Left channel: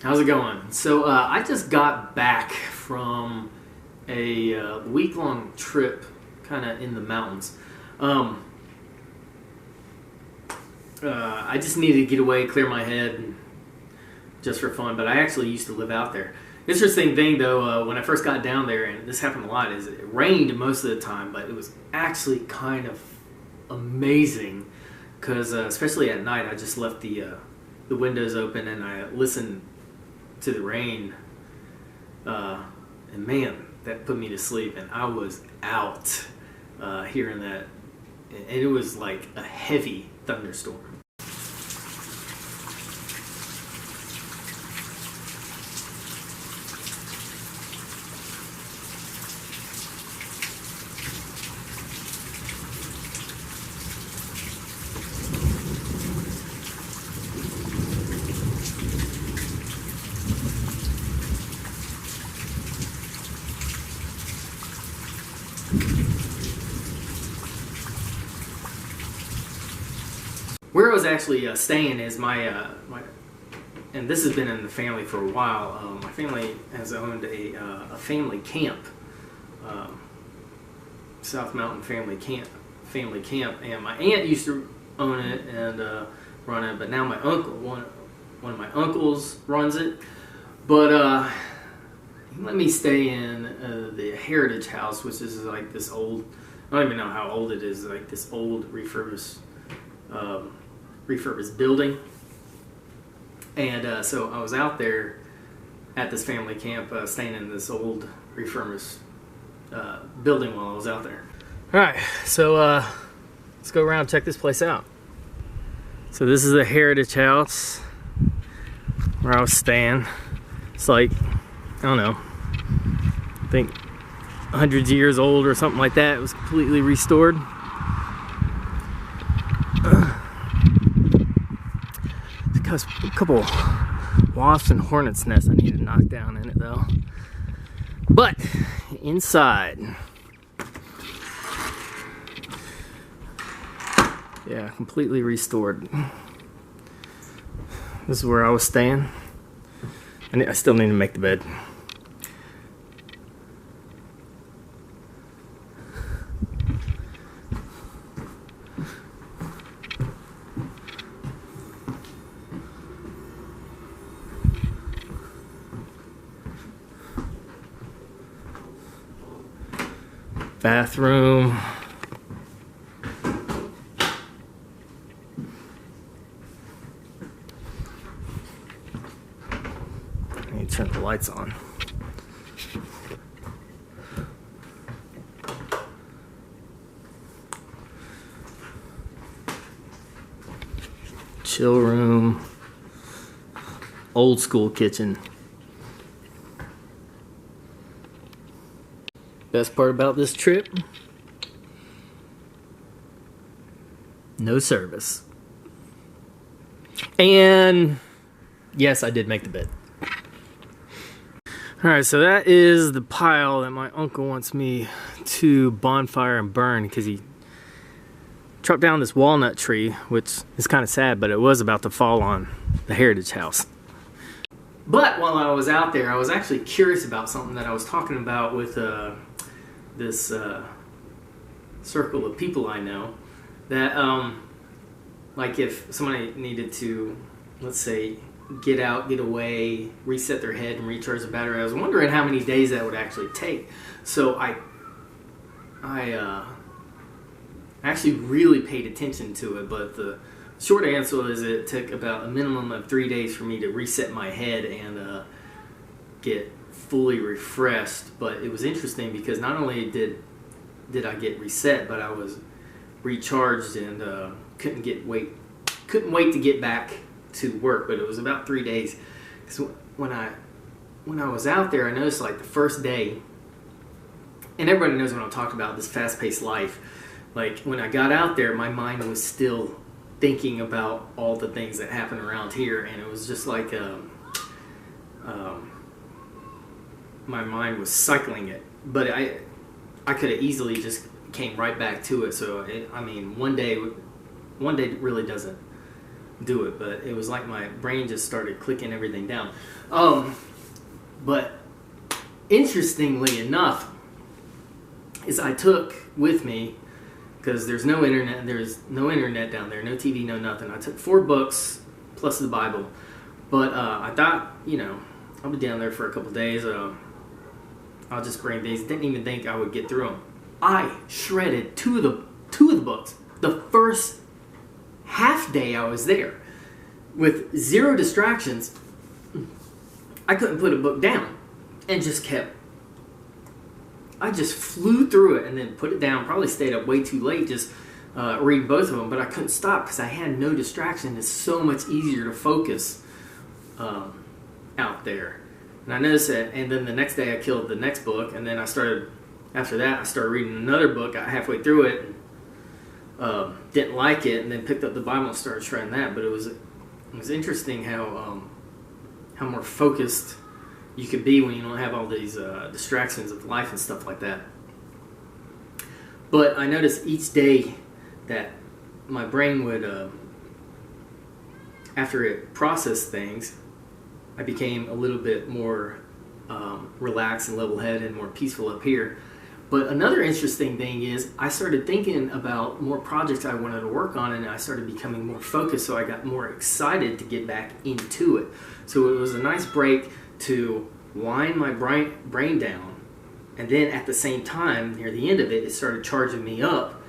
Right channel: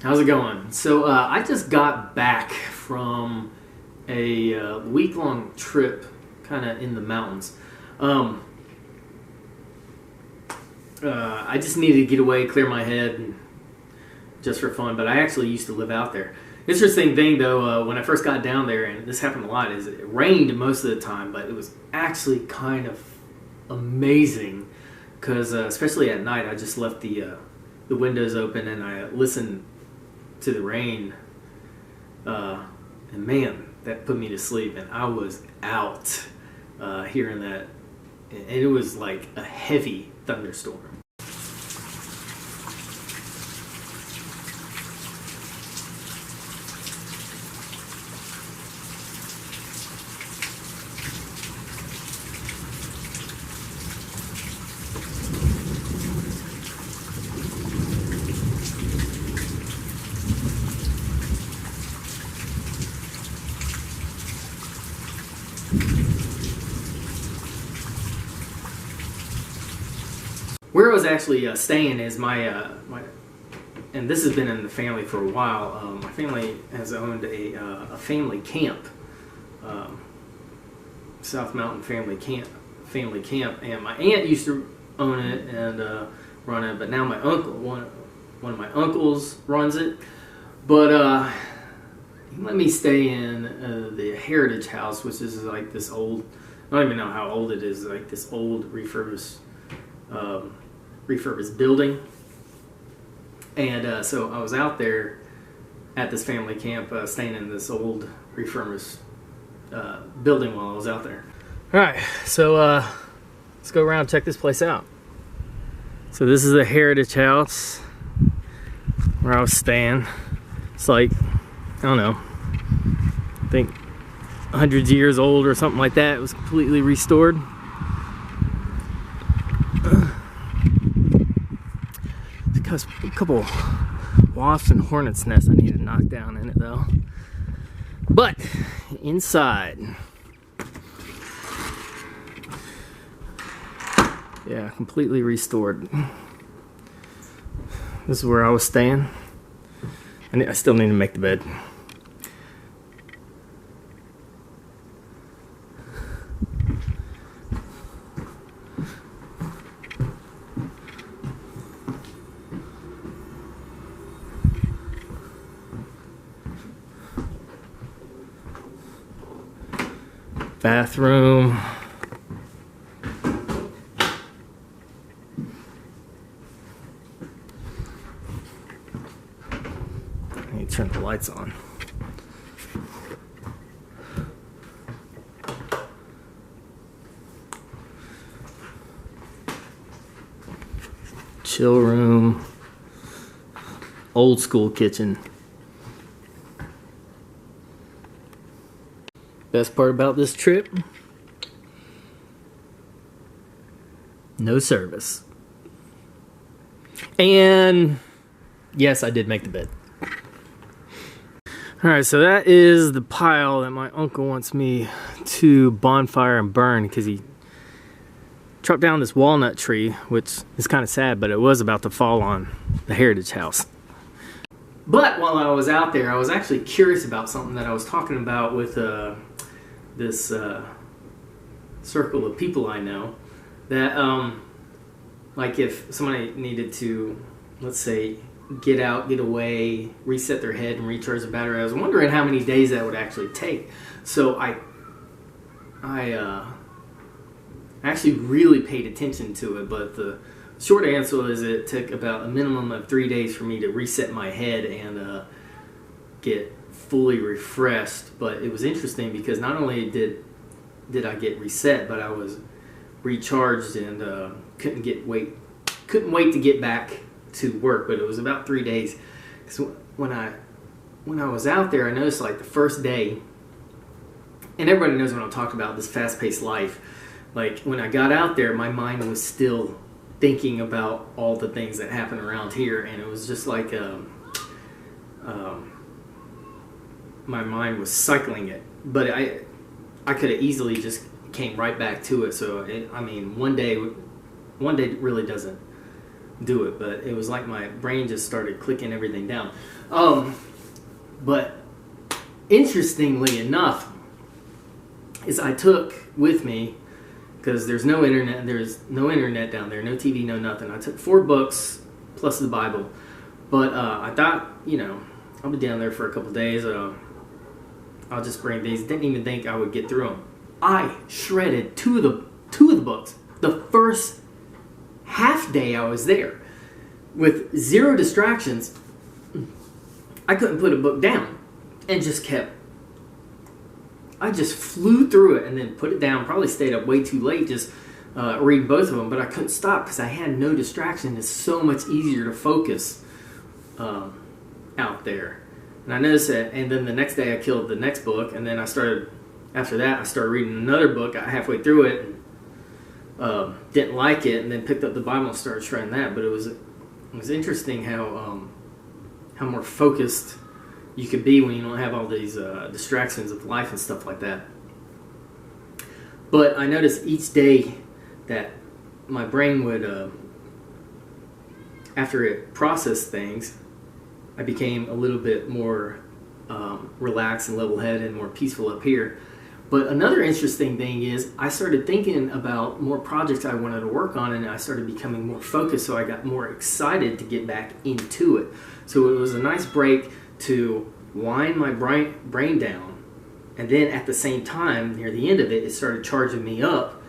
How's it going? So I just got back from a week-long trip kind of in the mountains. I just needed to get away, clear my head just for fun, but I actually used to live out there. Interesting thing though, when I first got down there, and this happened a lot, is it rained most of the time, but it was actually kind of amazing because especially at night I just left the windows open and I listened to the rain, and man, that put me to sleep, and I was out hearing that, and it was like a heavy thunderstorm. Where I was actually staying is my, and this has been in the family for a while. My family has owned a family camp, South Mountain Family Camp, and my aunt used to own it and run it, but now my uncle, one of my uncles, runs it. But he let me stay in the Heritage House, which is like this old, I don't even know how old it is, like this old refurbished building. And so I was out there at this family camp, staying in this old refurbished building while I was out there. Alright, so let's go around and check this place out. So this is the Heritage House where I was staying. It's like, I don't know, I think 100 years old or something like that. It was completely restored. A couple wasps and hornets nests I need to knock down in it though. But inside, yeah, completely restored. This is where I was staying. I still need to make the bed. Bathroom. I need to turn the lights on. Chill room. Old school kitchen. Best part about this trip, no service. And yes, I did make the bed. Alright, so that is the pile that my uncle wants me to bonfire and burn, because he chopped down this walnut tree, which is kind of sad, but it was about to fall on the Heritage House. But while I was out there, I was actually curious about something that I was talking about with this circle of people I know, that like if somebody needed to, let's say, get out, get away, reset their head and recharge the battery, I was wondering how many days that would actually take. So I actually really paid attention to it, but the short answer is it took about a minimum of 3 days for me to reset my head and get fully refreshed. But it was interesting because not only did I get reset, but I was recharged and couldn't wait to get back to work. But it was about 3 days. So when I was out there, I noticed like the first day, and everybody knows when I'm talking about this fast-paced life, like when I got out there, my mind was still thinking about all the things that happen around here, and it was just like my mind was cycling it, but I could have easily just came right back to it. So I mean, one day really doesn't do it, but it was like my brain just started clicking everything down. But interestingly enough, is I took with me, because there's no internet down there, no TV, no nothing. I took 4 books plus the Bible, but I thought, I'll be down there for a couple days. I'll just bring these. Didn't even think I would get through them. I shredded two of the books. The first half day I was there, with 0 distractions, I couldn't put a book down, and I just flew through it and then put it down. Probably stayed up way too late just reading both of them, but I couldn't stop because I had no distraction. It's so much easier to focus out there. And I noticed that, and then the next day I killed the next book, and then after that I started reading another book. Got halfway through it and didn't like it, and then picked up the Bible and started shredding that. But it was interesting how more focused you could be when you don't have all these distractions of life and stuff like that. But I noticed each day that my brain would, after it processed things, I became a little bit more relaxed and level-headed and more peaceful up here. But another interesting thing is I started thinking about more projects I wanted to work on, and I started becoming more focused, so I got more excited to get back into it. So it was a nice break to wind my brain down, and then at the same time, near the end of it, it started charging me up,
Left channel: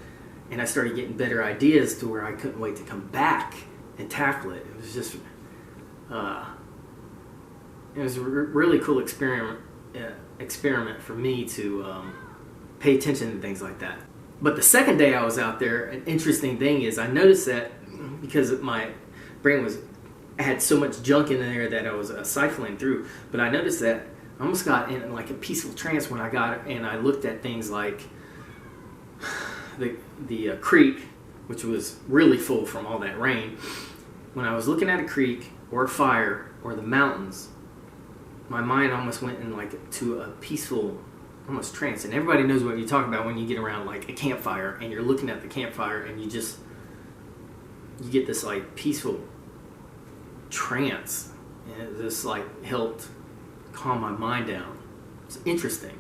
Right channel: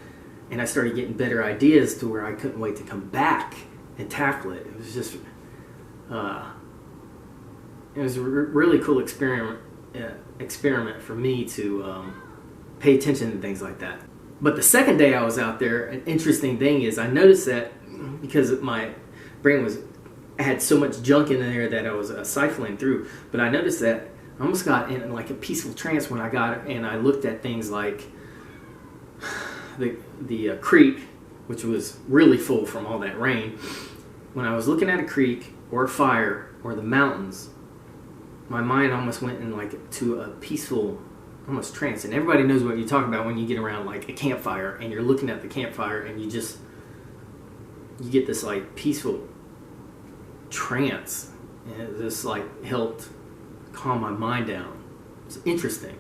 and I started getting better ideas to where I couldn't wait to come back and tackle it. It was just, it was a really cool experiment for me to pay attention to things like that. But the second day I was out there, an interesting thing is I noticed that because my brain had so much junk in there that I was siphoning through, but I noticed that I almost got in like a peaceful trance when I got and I looked at things like the creek, which was really full from all that rain. When I was looking at a creek or a fire or the mountains, my mind almost went in like to a peaceful, almost trance. And everybody knows what you talk about when you get around like a campfire and you're looking at the campfire and you get this like peaceful trance, and it just like helped calm my mind down. It's interesting.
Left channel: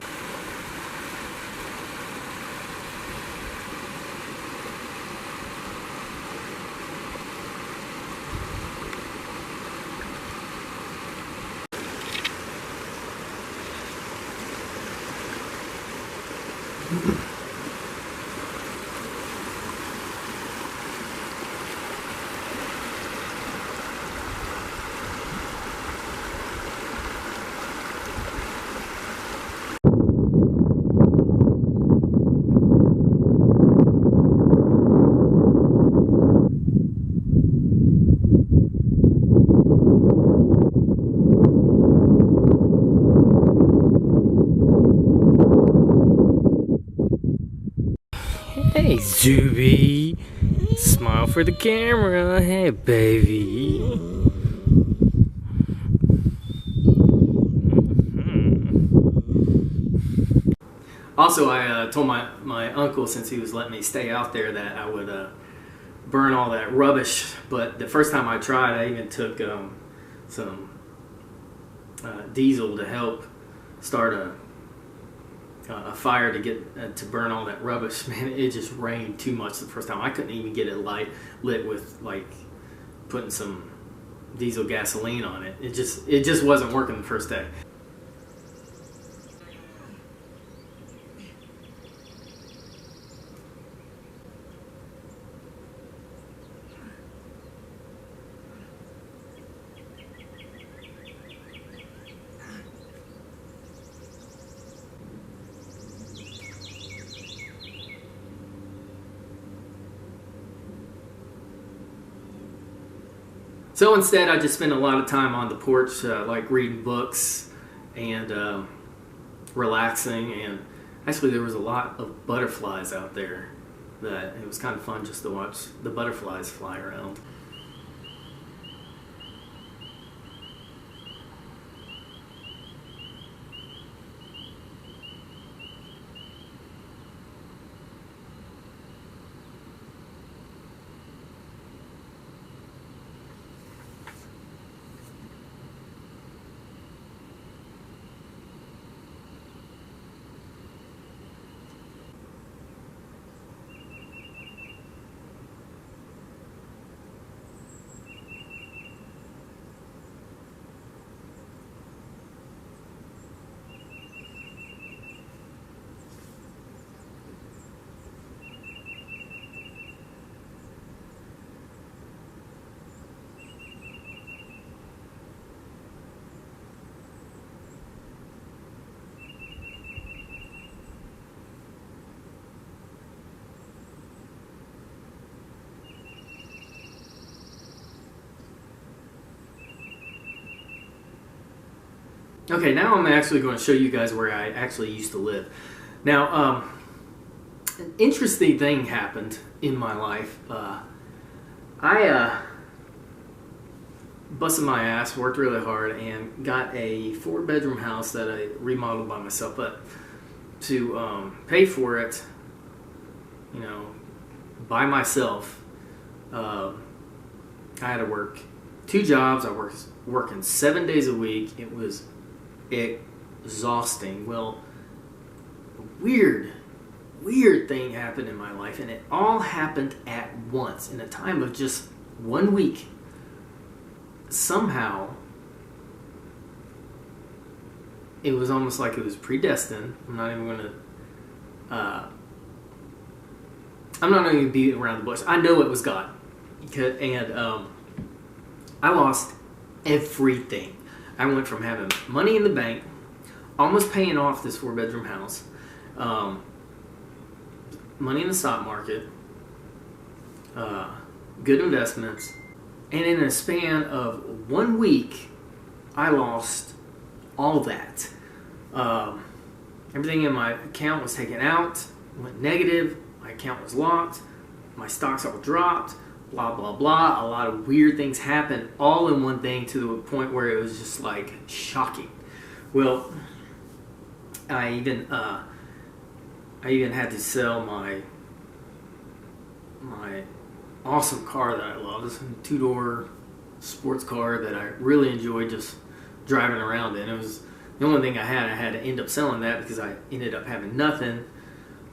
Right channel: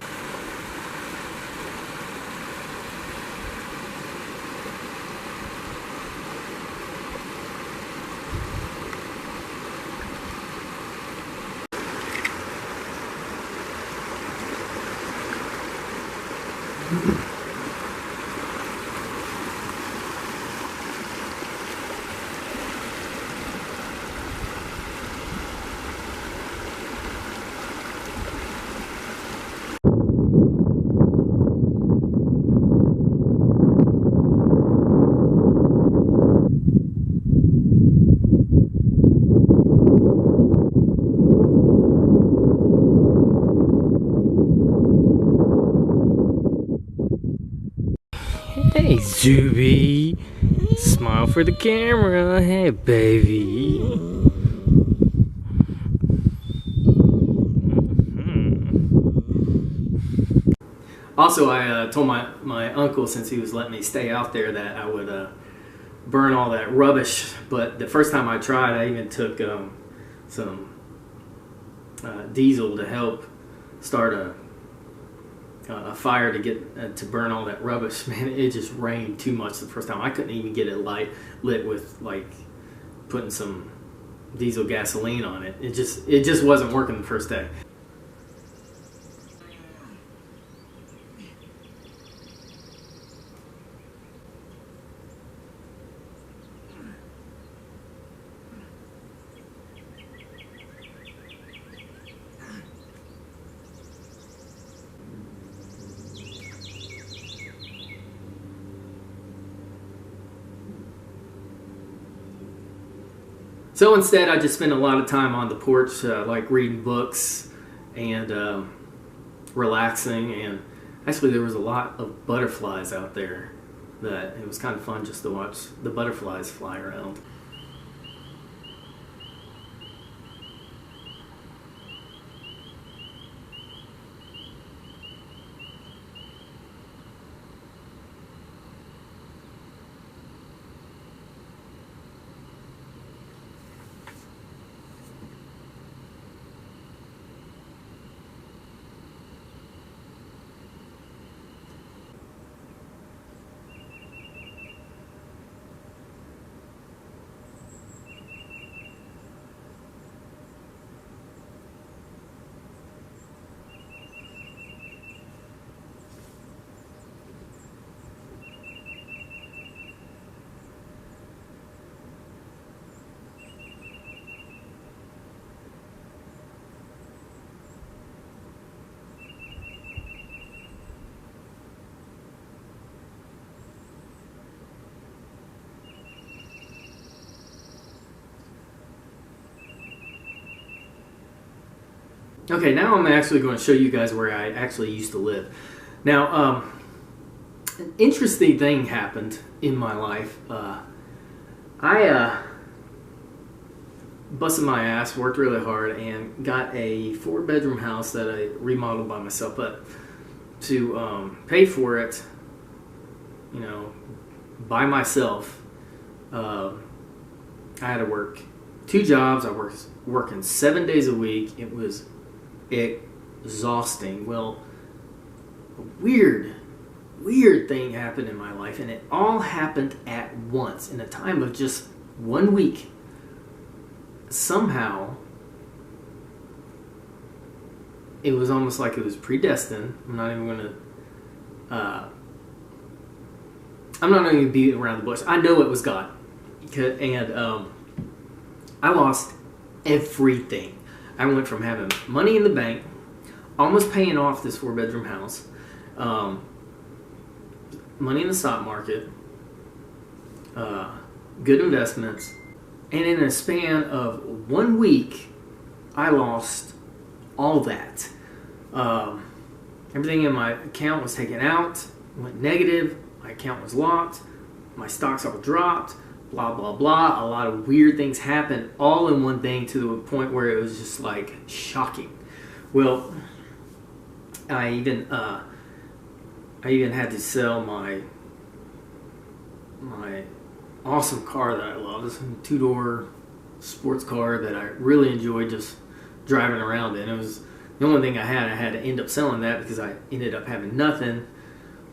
Hey, Zuby. Smile for the camera. Hey, baby. Also, I told my uncle, since he was letting me stay out there, that I would burn all that rubbish. But the first time I tried, I even took some diesel to help start a fire to get to burn all that rubbish. Man, it just rained too much the first time. I couldn't even get it lit with like putting some diesel gasoline on it. It just wasn't working the first day. So instead, I just spent a lot of time on the porch, like reading books and relaxing. And actually, there was a lot of butterflies out there that it was kind of fun just to watch the butterflies fly around. Okay, now I'm actually going to show you guys where I actually used to live. Now, an interesting thing happened in my life. I busted my ass, worked really hard, and got a 4-bedroom house that I remodeled by myself. But to pay for it, you know, by myself, I had to work 2 jobs. I was working 7 days a week. It was exhausting. Well, a weird thing happened in my life, and it all happened at once in a time of just 1 week. Somehow, it was almost like it was predestined. I'm not even going to beat around the bush. I know it was God. And I lost everything. I went from having money in the bank, almost paying off this 4-bedroom house, money in the stock market, good investments, and in a span of 1 week, I lost all that. Everything in my account was taken out, went negative, my account was locked, my stocks all dropped, blah, blah, blah. A lot of weird things happened all in one thing to the point where it was just like shocking. Well, I even had to sell my awesome car that I love. This 2-door sports car that I really enjoyed just driving around in. It was the only thing I had to end up selling that because I ended up having nothing,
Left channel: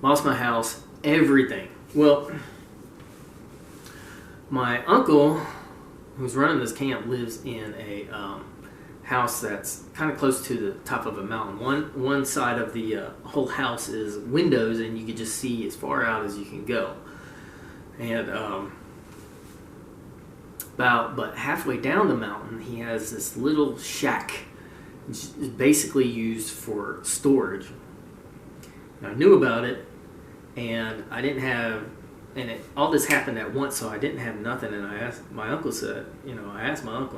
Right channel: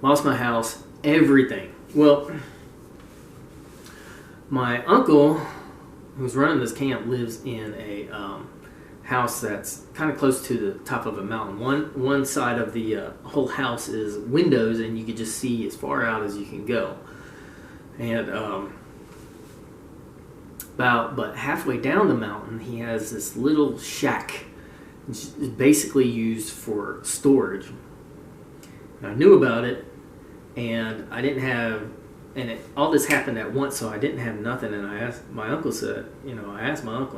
lost my house, everything. Well, my uncle, who's running this camp, lives in a house that's kind of close to the top of a mountain. One side of the whole house is windows, and you can just see as far out as you can go. And but halfway down the mountain, he has this little shack. It's basically used for storage. And I knew about it, and I didn't have. And all this happened at once, so I didn't have nothing. And I asked my uncle,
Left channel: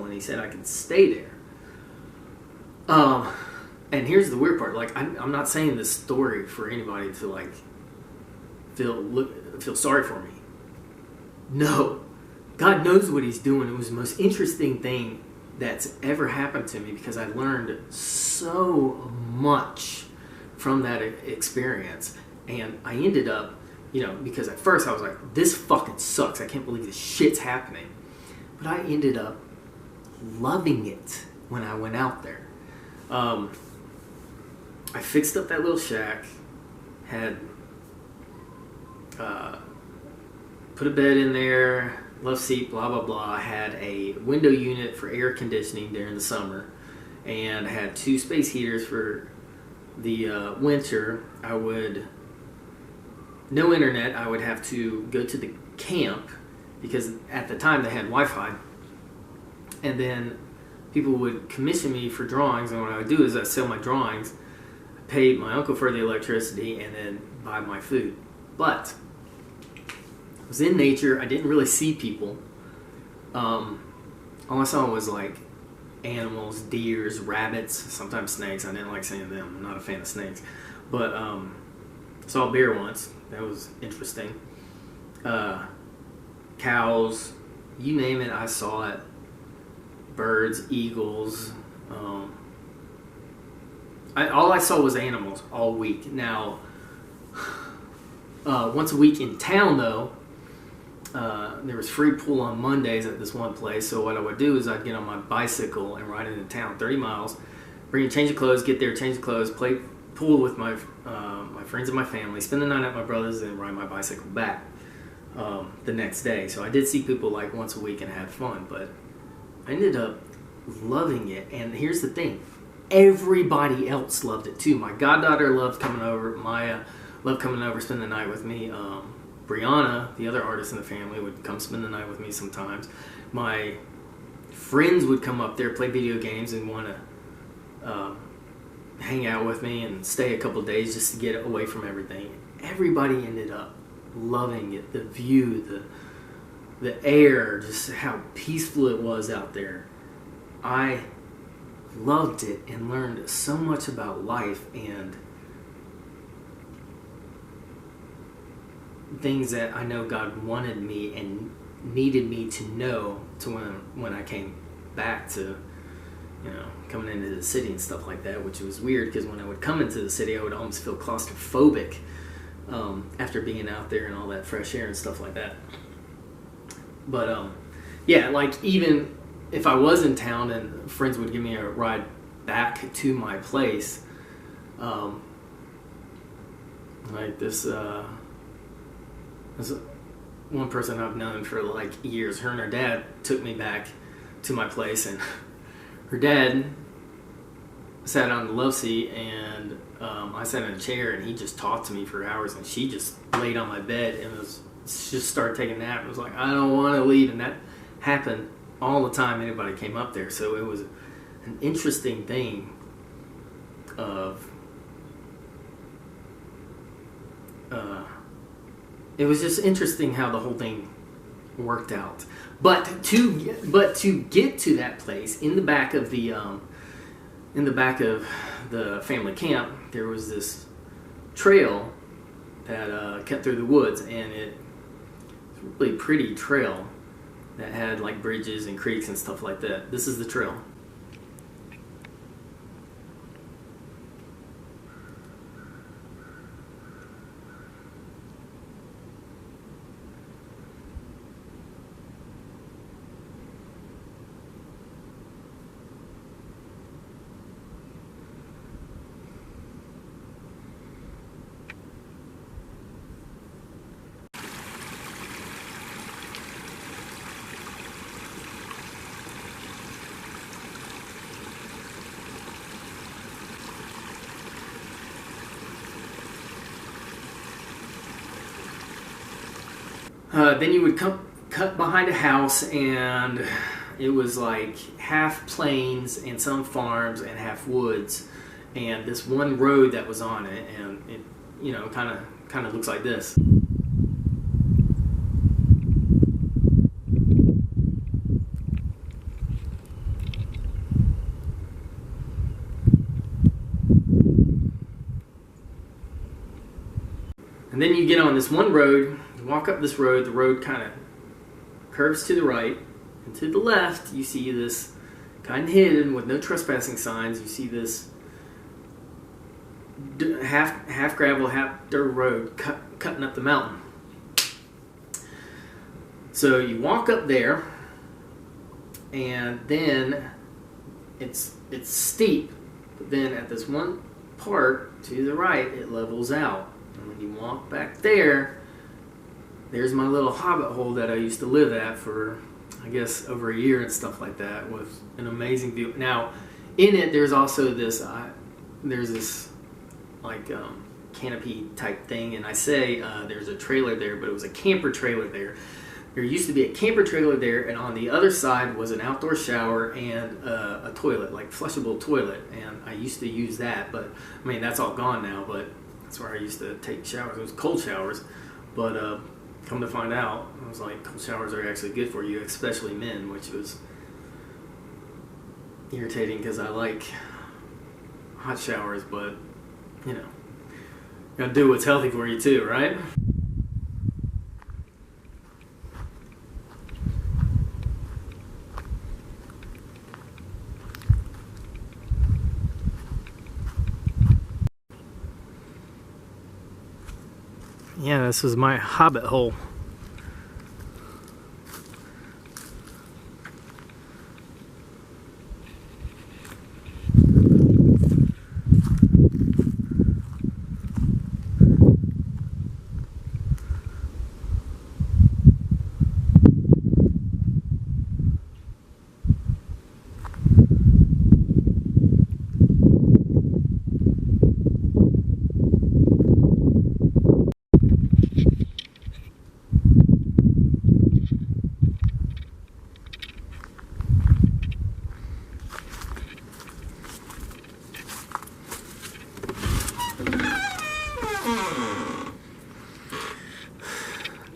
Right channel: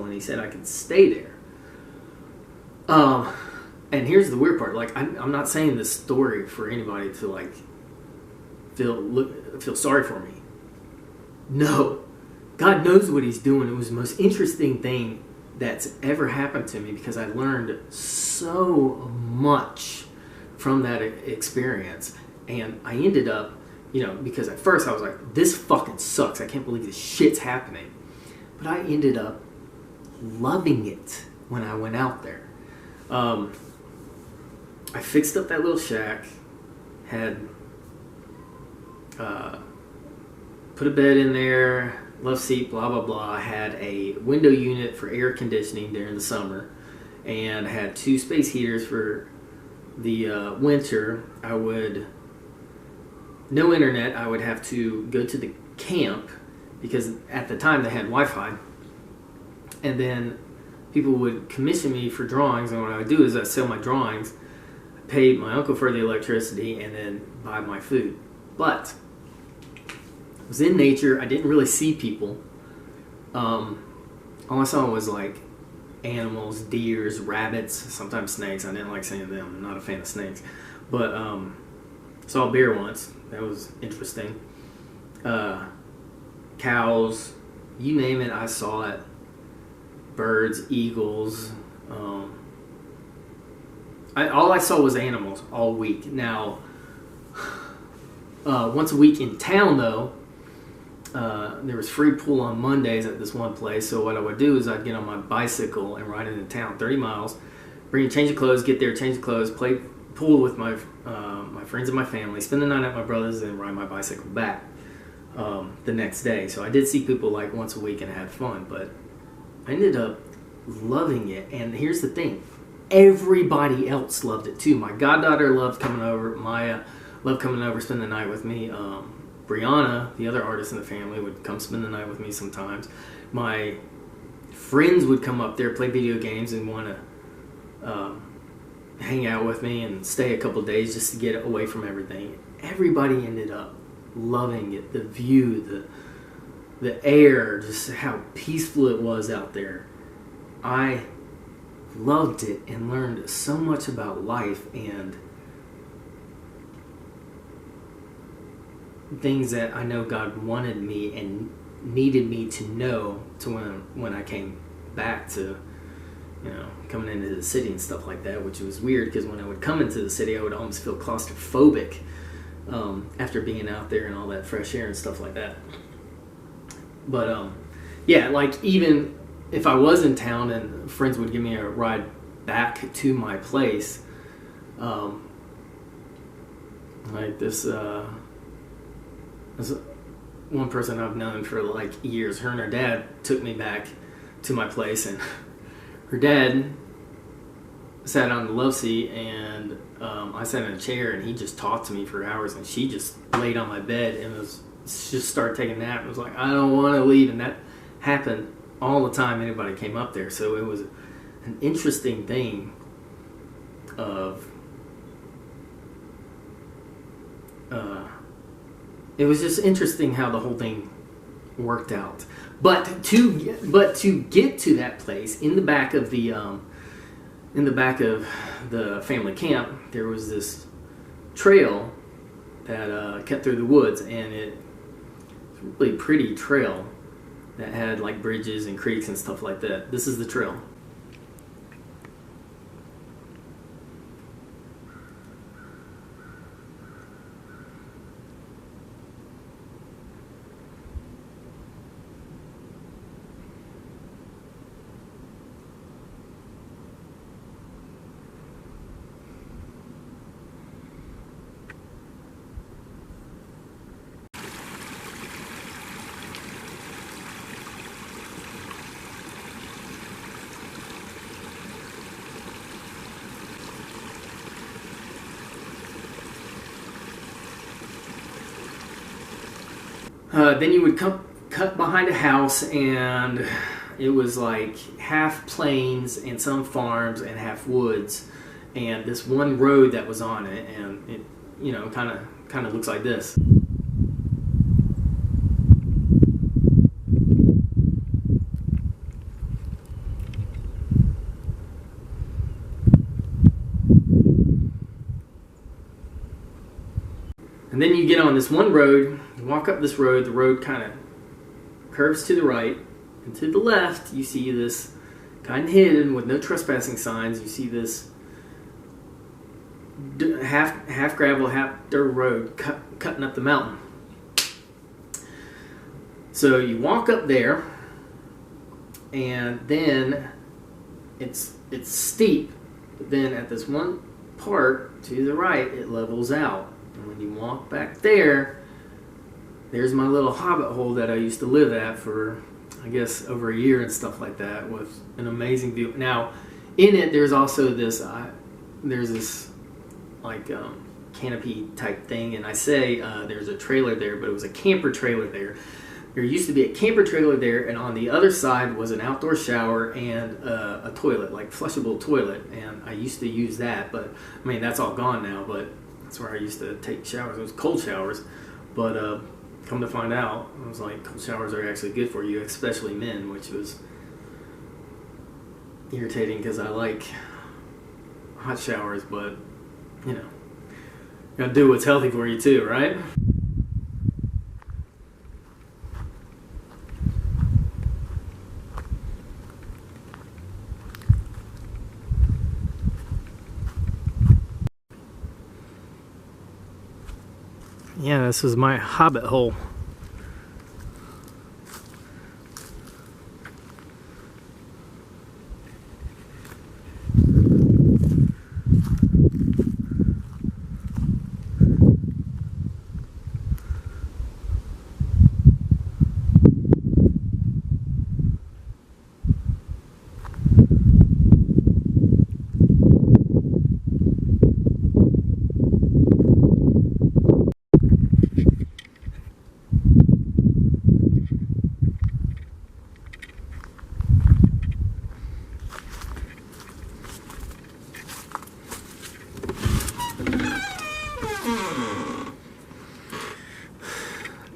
and he said I could stay there. And here's the weird part. Like, I'm not saying this story for anybody to like feel sorry for me. No, God knows what He's doing. It was the most interesting thing that's ever happened to me because I learned so much from that experience, and I ended up. Because at first I was like, this fucking sucks. I can't believe this shit's happening. But I ended up loving it when I went out there. I fixed up that little shack, had put a bed in there, love seat, blah, blah, blah. I had a window unit for air conditioning during the summer, and had 2 space heaters for the winter. No internet. I would have to go to the camp because at the time they had Wi-Fi. And then people would commission me for drawings, and what I would do is I sell my drawings, pay my uncle for the electricity, and then buy my food. But I was in nature. I didn't really see people. All I saw was like animals, deers, rabbits, sometimes snakes. I didn't like seeing them. I'm not a fan of snakes. But saw a bear once. That was interesting. Cows, you name it, I saw it. Birds, eagles. All I saw was animals all week. Now, once a week in town, though, there was free pool on Mondays at this one place. So what I would do is I'd get on my bicycle and ride into town, 30 miles, bring a change of clothes, get there, change of clothes, play pool with my friends and my family, spend the night at my brother's, and ride my bicycle back the next day. So I did see people like once a week and had fun, but I ended up loving it. And here's the thing, everybody else loved it too. My goddaughter loved coming over. Maya loved coming over, spend the night with me. Brianna, the other artist in the family, would come spend the night with me sometimes. My friends would come up there, play video games, and want to hang out with me and stay a couple days just to get away from everything. Everybody ended up loving it. The view, the air, just how peaceful it was out there. I loved it and learned so much about life and things that I know God wanted me and needed me to know to when I came back to, coming into the city and stuff like that, which was weird because when I would come into the city, I would almost feel claustrophobic after being out there and all that fresh air and stuff like that. But yeah, like even if I was in town and friends would give me a ride back to my place, like this one person I've known for like years, her and her dad took me back to my place, and her dad sat on the love seat, and I sat in a chair, and he just talked to me for hours, and she just laid on my bed and just started taking a nap. It was like, I don't want to leave, and that happened all the time anybody came up there. So it was an interesting thing of it was just interesting how the whole thing worked out. But to get to that place in the back of the family camp, there was this trail that kept through the woods, and it's a really pretty trail that had like bridges and creeks and stuff like that. This is the trail. Then you would cut behind a house, and it was like half plains and some farms and half woods, and this one road that was on it, and it kind of looks like this. And then you get on this one road, you walk up this road, the road kind of curves to the right, and to the left you see this kind of hidden with no trespassing signs, you see this half gravel, half dirt road cutting up the mountain. So you walk up there, and then it's steep, but then at this one part to the right it levels out. And when you walk back there's my little hobbit hole that I used to live at for, I guess, over a year and stuff like that, with an amazing view. Now, in it, there's also this, like canopy type thing, and I say there's a trailer there, but it was a camper trailer there. There used to be a camper trailer there, and on the other side was an outdoor shower and a toilet, like flushable toilet, and I used to use that, but I mean, that's all gone now, but that's where I used to take showers. It was cold showers, but come to find out, I was like, cold showers are actually good for you, especially men, which was irritating because I like hot showers, but you gotta do what's healthy for you too, right? Yeah, this was my hobbit hole.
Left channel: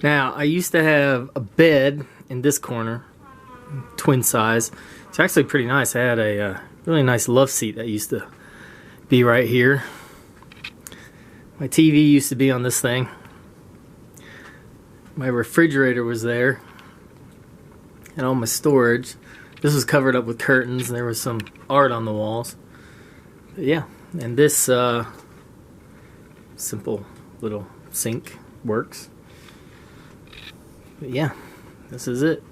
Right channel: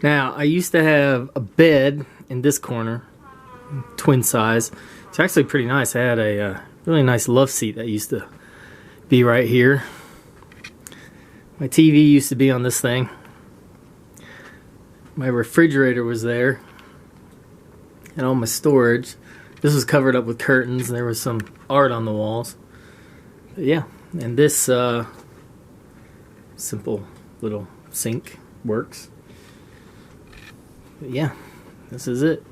Now, I used to have a bed in this corner, twin size. It's actually pretty nice. I had a Really nice love seat that used to be right here. My TV used to be on this thing. My refrigerator was there. And all my storage. This was covered up with curtains, and there was some art on the walls. But yeah, and this simple little sink works. But yeah, this is it.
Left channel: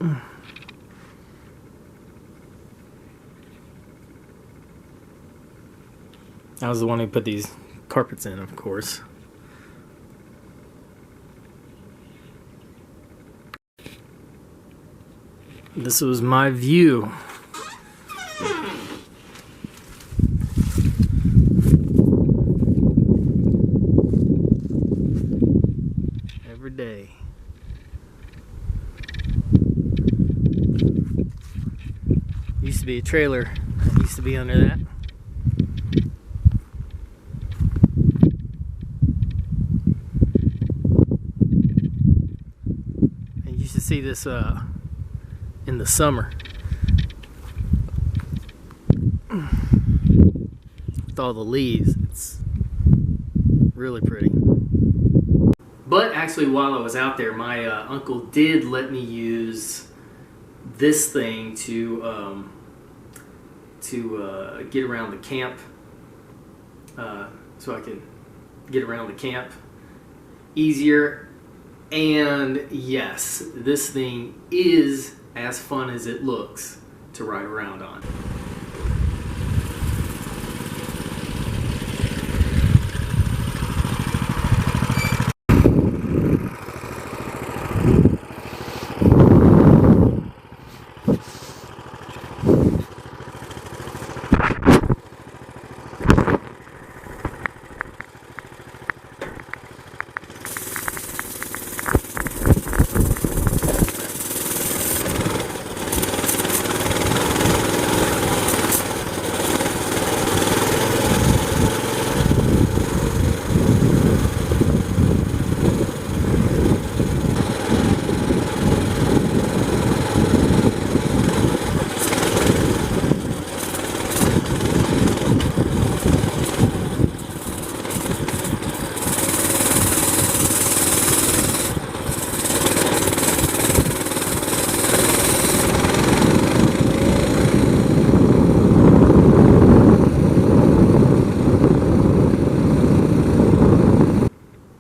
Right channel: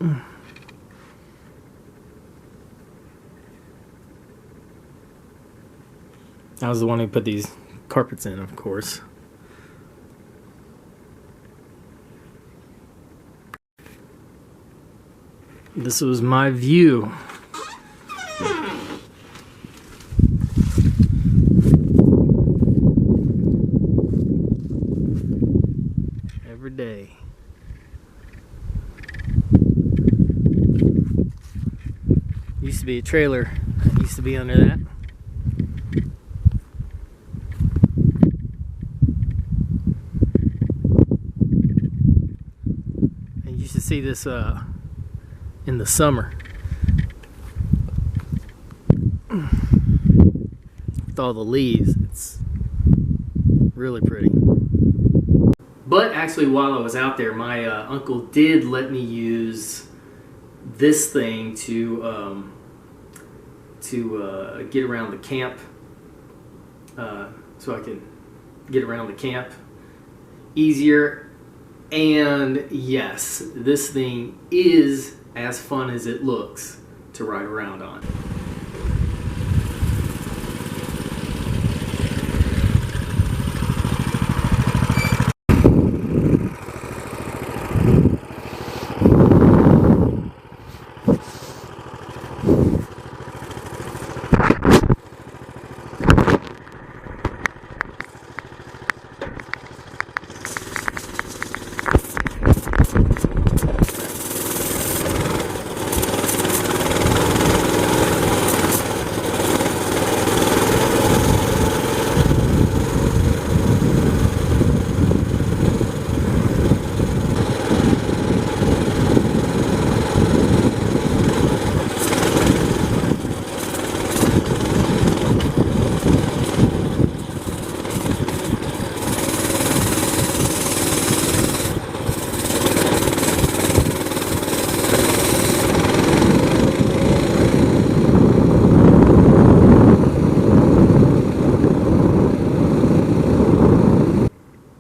I was the one who put these carpets in, of course. This was my view. Every day. Used to be a trailer that used to be under that. And you used to see this in the summer with all the leaves. It's really pretty. But actually, while I was out there, my uncle did let me use this thing to get around the camp, so I can get around the camp easier. And yes, this thing is as fun as it looks to ride around on.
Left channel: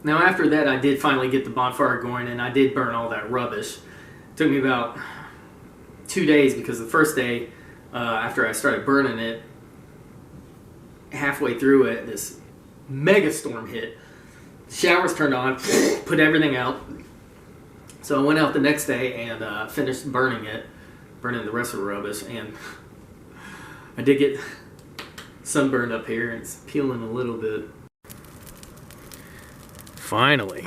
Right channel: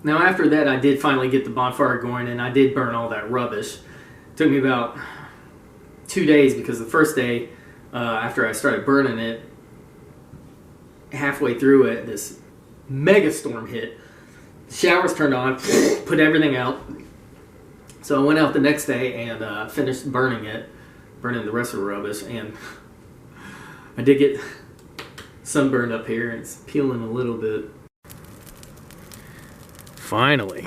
Now after that, I did finally get the bonfire going, and I did burn all that rubbish. It took me about 2 days, because the first day, after I started burning it, halfway through it, this mega storm hit. The showers turned on, put everything out. So I went out the next day and finished burning the rest of the rubbish, and I did get sunburned up here, and it's peeling a little bit. Finally.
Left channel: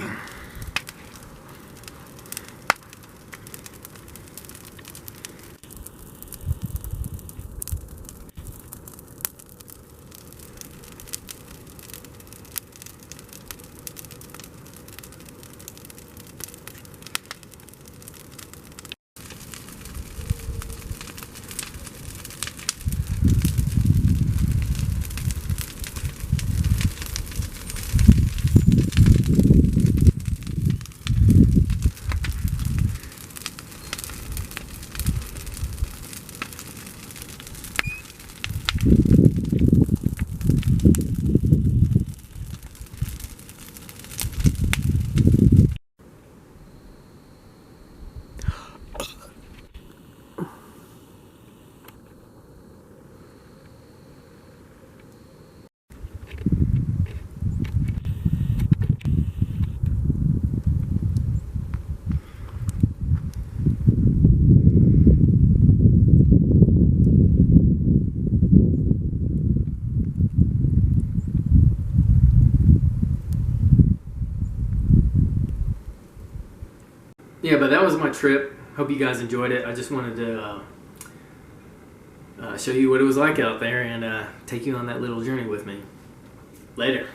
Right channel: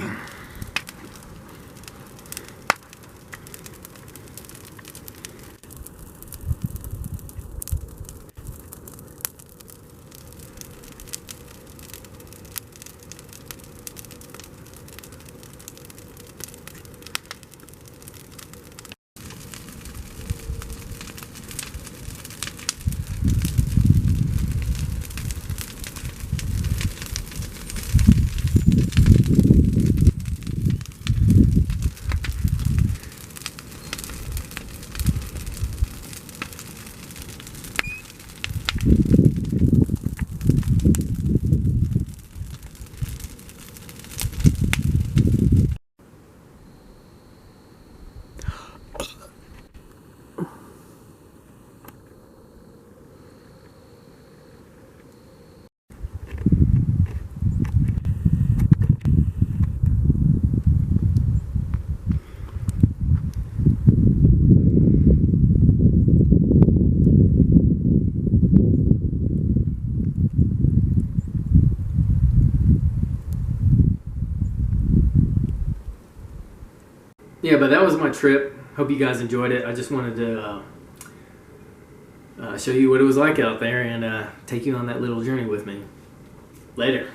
Yeah, but that was my trip. Hope you guys enjoyed it. I just wanted to show you what it was like out there and take you on that little journey with me. Later.